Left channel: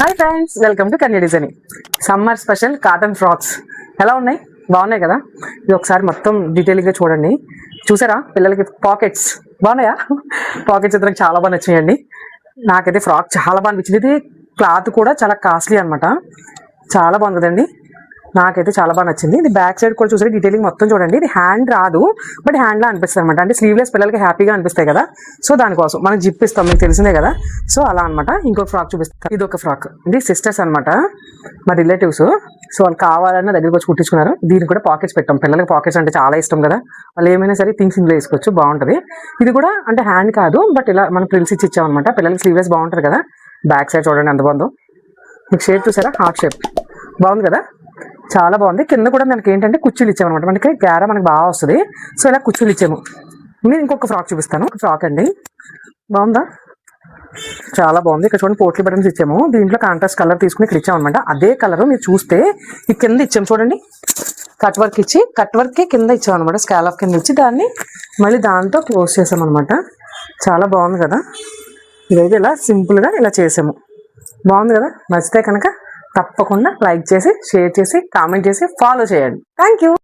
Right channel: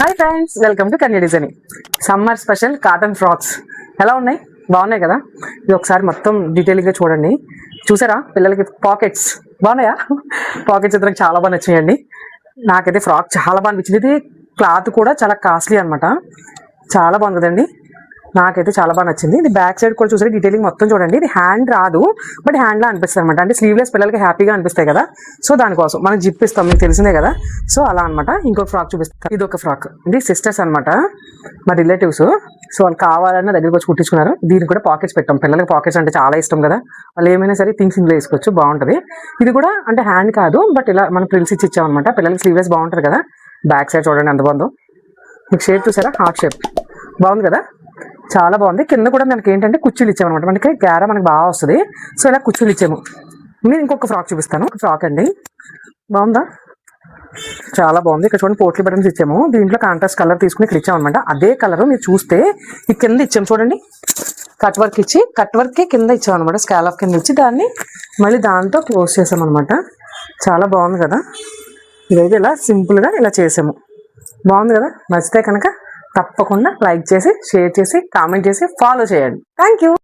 Hi friends, welcome to Kanya designing. Summer special cotton frocks ఎలా ఉన్నాయి? బాగున్నాయి కదా? ఇది ఒకసారి మొత్తం డీటెయిల్గా చూడండి. చూసారా? పిల్లలకి పాకెట్స్ బాగున్నాయా? పాకెట్స్ ఇద్దరికి చాలా బాగా నచ్చాయండి. నాకైతే ఫ్రాక్ చాలా బాగా అనిపించింది. అయితే క్లాత్ కూడా చాలా కాస్ట్లీ అనమాట. చాలా బాగుంటుందండి. నాకైతే చాలా బాగా నచ్చింది. ఇది బ్యాక్ సైడ్ కూడా చూసారు, డీటెయిలింగ్ మొత్తం చూడండి. ఇది హ్యాండ్ రాదు, బట్ హ్యాండ్ లా అనిపిస్తుంది అనమాట. అంటే స్లీవ్లెస్ పిల్లలకి హ్యాపీగా అనిపిస్తాయి కదా, సో దానికోసం మనం జిప్ ఇస్తాం, మీకు తెలిసిందే కదా. సో అలా అనమాట. ఇంకో ఫ్రాక్ చూపిస్తాం. ఇది ఒక ఫ్రాక్, ఇది సిస్టర్స్ అనమాట, మా రిలేటివ్స్. సో వాళ్ళు కావాలన్నా దగ్గరికి వచ్చి కుట్టించుకున్నారు. దీనికి కూడా పాకెట్స్ పెట్టాం. పిల్లలకి పాకెట్స్ అంటే చాలా ఇష్టం కదా, వాళ్ళు ఏమైనా సరే థింగ్స్ ఇంట్లో వేసుకోవచ్చు, బాగుంటుంది. ఇది కూడా అంటే హ్యాండ్ కాదు, బట్ ఇలా మనం ప్రింట్స్ ఇచ్చి ఇచ్చామన్నమాట. పిల్లలకి స్లీవ్లెస్ బాగుంటుంది కదా. బ్యాక్ సైడ్ చూడండి ఎంత బాగుందో. మీకు షేప్ చూసారా? హార్ట్ షేప్ బాగుంది కదా, చాలా బాగుంది. కింద కూడా మనకి ఏంటంటే కుర్చీలు ఇచ్చామన్నమాట. మనకి గార మనకి బాగా వస్తుంది. సో ఇలా కుర్చీలు ఇచ్చాము. మీరు ఇంకొక ఫ్రాక్ చూపిస్తాను. ఒక ఫ్రాక్ అండి, బాగుందా? చాలా బాగుంది. ఇక్కడ చూడండి, పోట్ల బటన్స్ ఇచ్చాము. దీంట్లో కాంట్రాస్ట్ కలర్ తీసుకుని ఇక్కడ ఇచ్చామన్నమాట. అదే కలర్ మీరు చూస్తే ఈ కింద ఇచ్చాము చూడండి, కట్ వర్క్ ఇచ్చి, కట్ వర్కే కింద ఇచ్చామన్నమాట. స్కాలప్ కింద ఇచ్చి దాన్ని మళ్ళీ దాంతో క్లోజ్ చేసామన్నమాట. చాలా బాగుంది కదా. ఇదైతే ఇలా సింపుల్గా ఇలా చేసాము. బాగుంది కదా. నచ్చితే కనుక తప్పకుండా లైక్ చేసి, షేర్ చేసి, కామెంట్ చేసి, ఫాలో చేయండి. Thank you.